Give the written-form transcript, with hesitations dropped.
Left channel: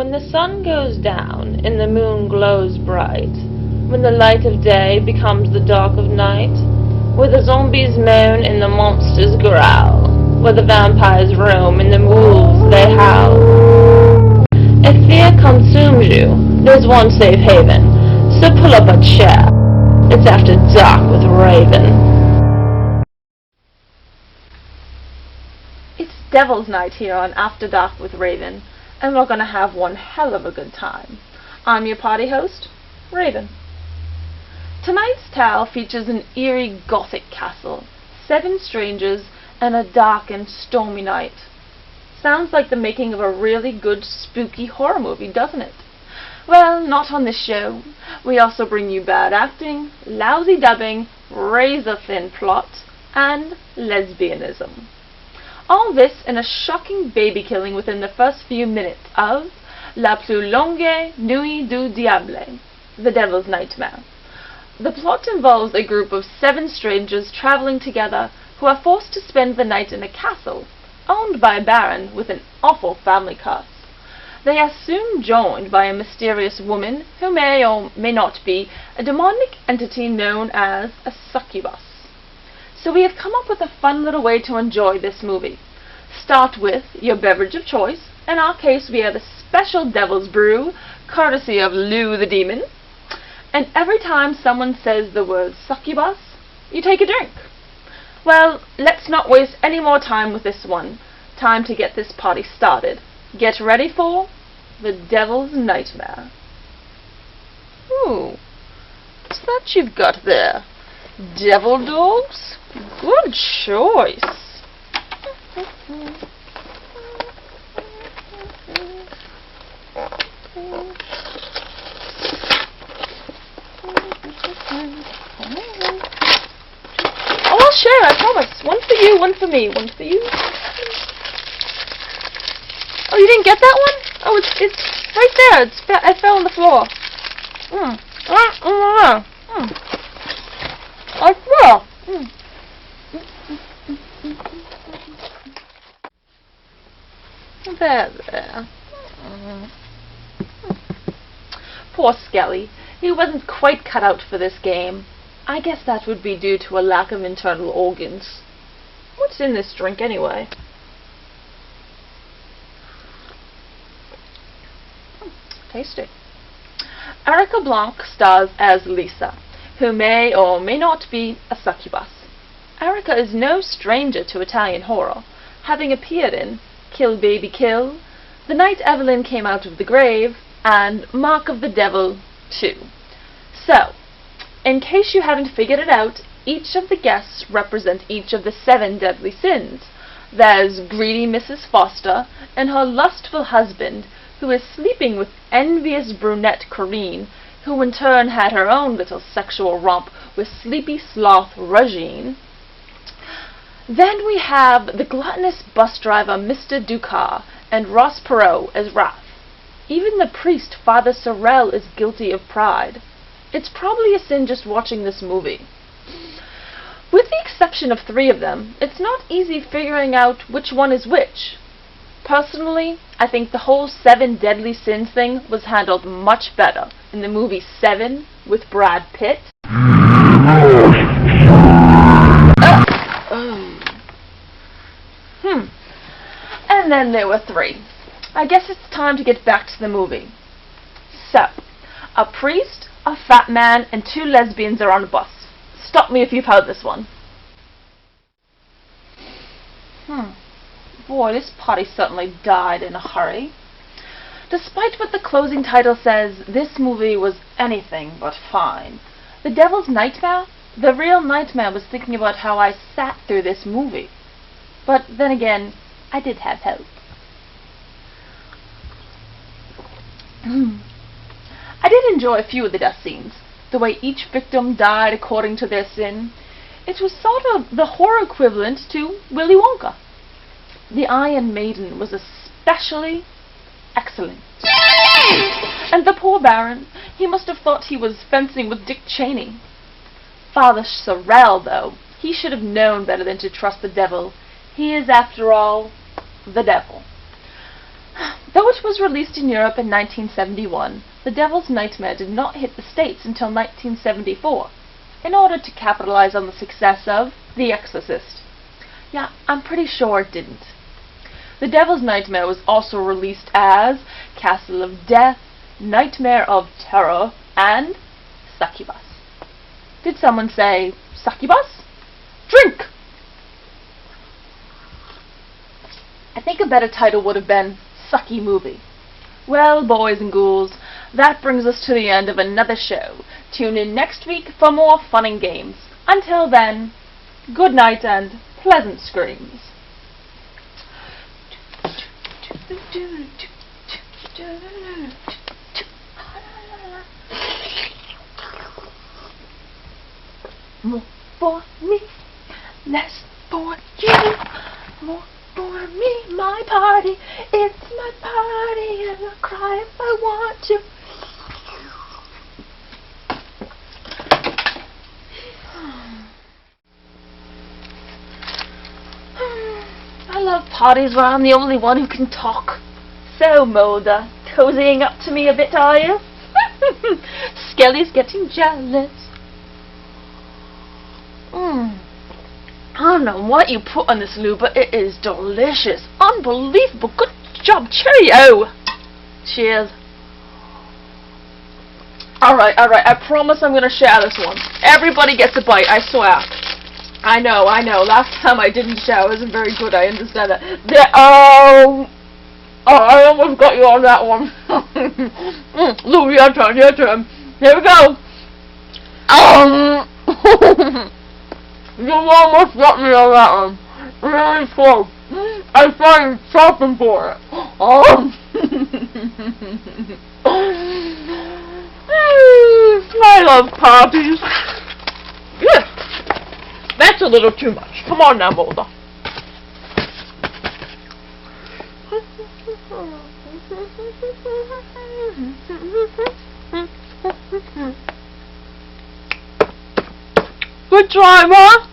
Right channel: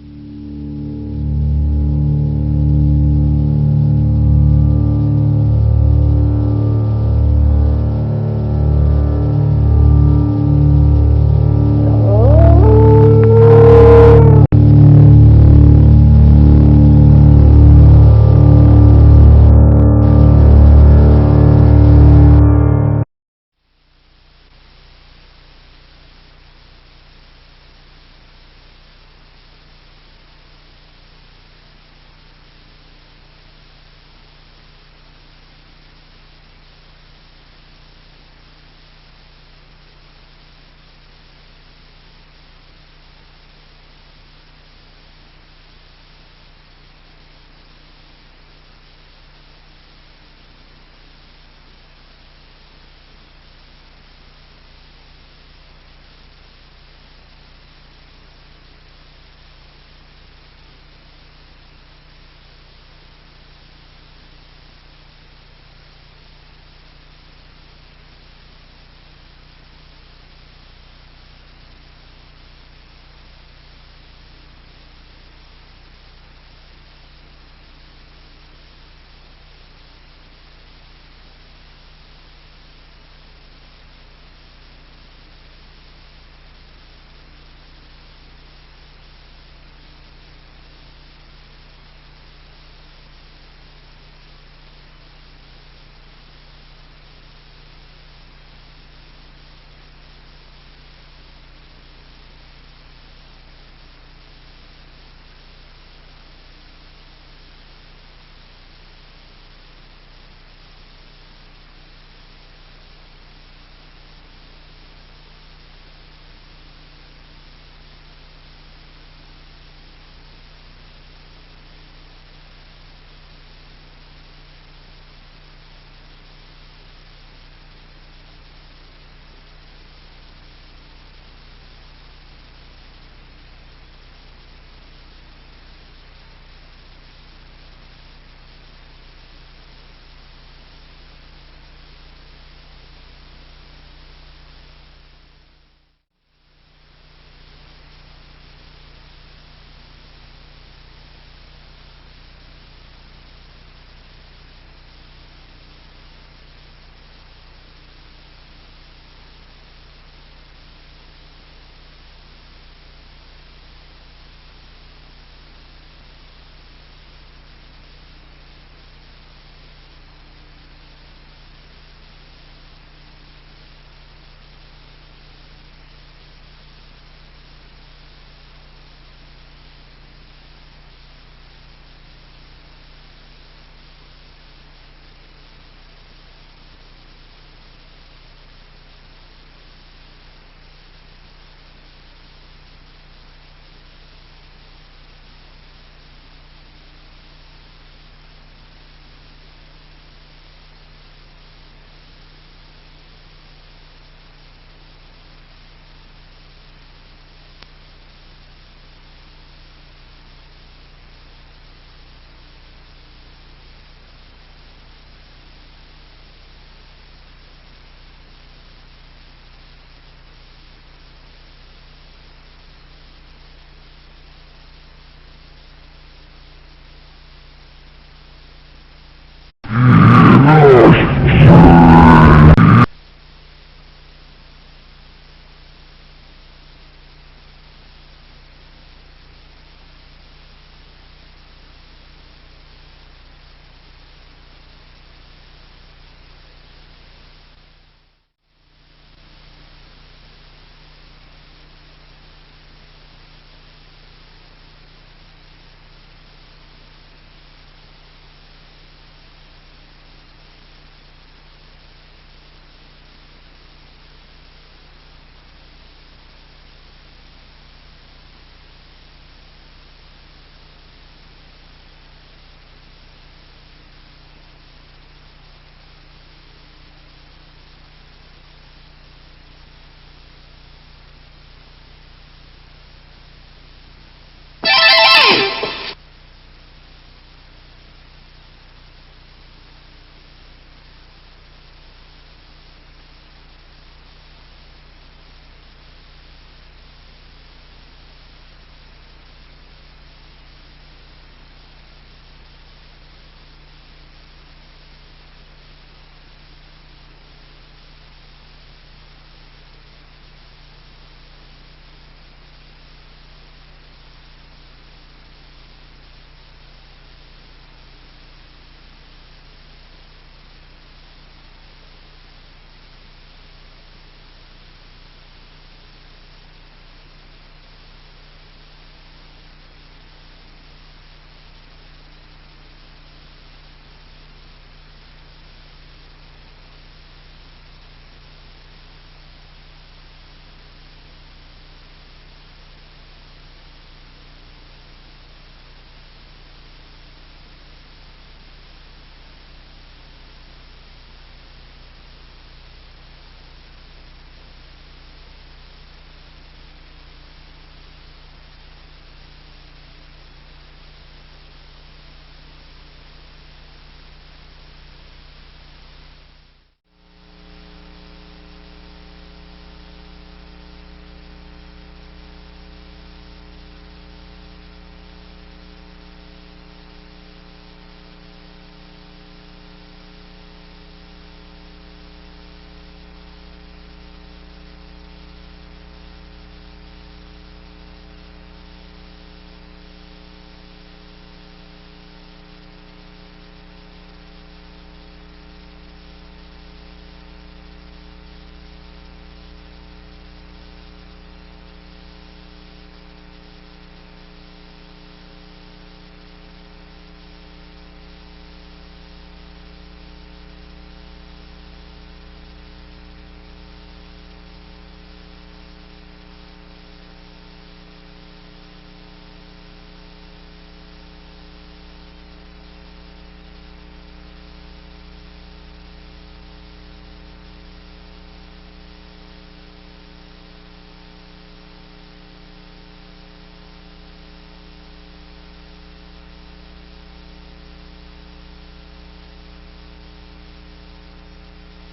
When the sun goes down and the moon glows bright, when the light of day becomes the dark of night, where the zombies moan and the monsters growl, where the vampires roam and the wolves they howl, if fear consumes you, there's one safe haven, so pull up a chair. It's After Dark with Raven. It's Devil's Night here on After Dark with Raven, and we're gonna have one hell of a good time. I'm your party host, Raven. Tonight's tale features an eerie gothic castle, 7 strangers, and a dark and stormy night. Sounds like the making of a really good spooky horror movie, doesn't it? Well, not on this show. We also bring you bad acting, lousy dubbing, razor-thin plot, and lesbianism. All this in a shocking baby killing within the first few minutes of La plus longue nuit du diable, The Devil's Nightmare. The plot involves a group of 7 strangers traveling together who are forced to spend the night in a castle owned by a baron with an awful family curse. They are soon joined by a mysterious woman who may or may not be a demonic entity known as a succubus. So we have come up with a fun little way to enjoy this movie. Start with your beverage of choice. In our case, we have a special Devil's Brew, courtesy of Lou the Demon. And every time someone says the word succubus, you take a drink. Well, let's not waste any more time with this one. Time to get this party started. Get ready for The Devil's Nightmare. Ooh, what's that you've got there? Devil dogs? Good choice. Oh, I'll share, I promise. One for you, one for me, one for you. Oh, you didn't get that one? Oh, it's right there. It fell on the floor. I swear. There. Poor Skelly. He wasn't quite cut out for this game. I guess that would be due to a lack of internal organs. What's in this drink anyway? Tasty. Erica Blanc stars as Lisa, who may or may not be a succubus. Erica is no stranger to Italian horror, having appeared in Kill Baby Kill, The Night Evelyn Came Out of the Grave, and Mark of the Devil 2. So, in case you haven't figured it out, each of the guests represent each of the 7 deadly sins. There's greedy Mrs. Foster and her lustful husband, who is sleeping with envious brunette Corinne, who in turn had her own little sexual romp with sleepy sloth Regine. Then we have the gluttonous bus driver Mr. Ducat and Ross Perot as Wrath. Even the priest Father Sorrel is guilty of pride. It's probably a sin just watching this movie. With the exception of 3 of them, it's not easy figuring out which one is which. Personally, I think the whole 7 deadly sins thing was handled much better in the movie 7 with Brad Pitt. And then there were 3. I guess it's time to get back to the movie. So, a priest, a fat man, and 2 lesbians are on a bus. Stop me if you've heard this one. Boy, this party certainly died in a hurry. Despite what the closing title says, this movie was anything but fine. The Devil's Nightmare? The real nightmare was thinking about how I sat through this movie. But then again, I did have hope. I did enjoy a few of the death scenes. The way each victim died according to their sin. It was sort of the horror equivalent to Willy Wonka. The Iron Maiden was especially excellent. And the poor Baron, he must have thought he was fencing with Dick Cheney. Father Sorrel, though, he should have known better than to trust the devil. He is, after all, the devil. Though it was released in Europe in 1971, The Devil's Nightmare did not hit the States until 1974, in order to capitalize on the success of The Exorcist. Yeah, I'm pretty sure it didn't. The Devil's Nightmare was also released as Castle of Death, Nightmare of Terror, and Succubus. Did someone say succubus? Drink! I think a better title would have been Sucky Movie. Well, boys and ghouls, that brings us to the end of another show. Tune in next week for more fun and games. Until then, good night and pleasant screams. More for me, less for you. More for me, my party. It's my party, and I'll cry if I want to. I love parties where I'm the only one who can talk. So, Mulder, cozying up to me a bit, are you? Skelly's getting jealous. I don't know what you put on this, Lou, but it is delicious. Unbelievable. Good job. Cheerio. Cheers. Alright. I promise I'm going to share this one. Everybody gets a bite, I swear. I know. Last time I didn't share. I wasn't very good. I understand that. I almost got you on that one. Lou, your turn. Here we go. You almost got me on that one. Really close. I started shopping for it. I love parties. Yeah. That's a little too much. Come on now, Mulder. Good try, Ma.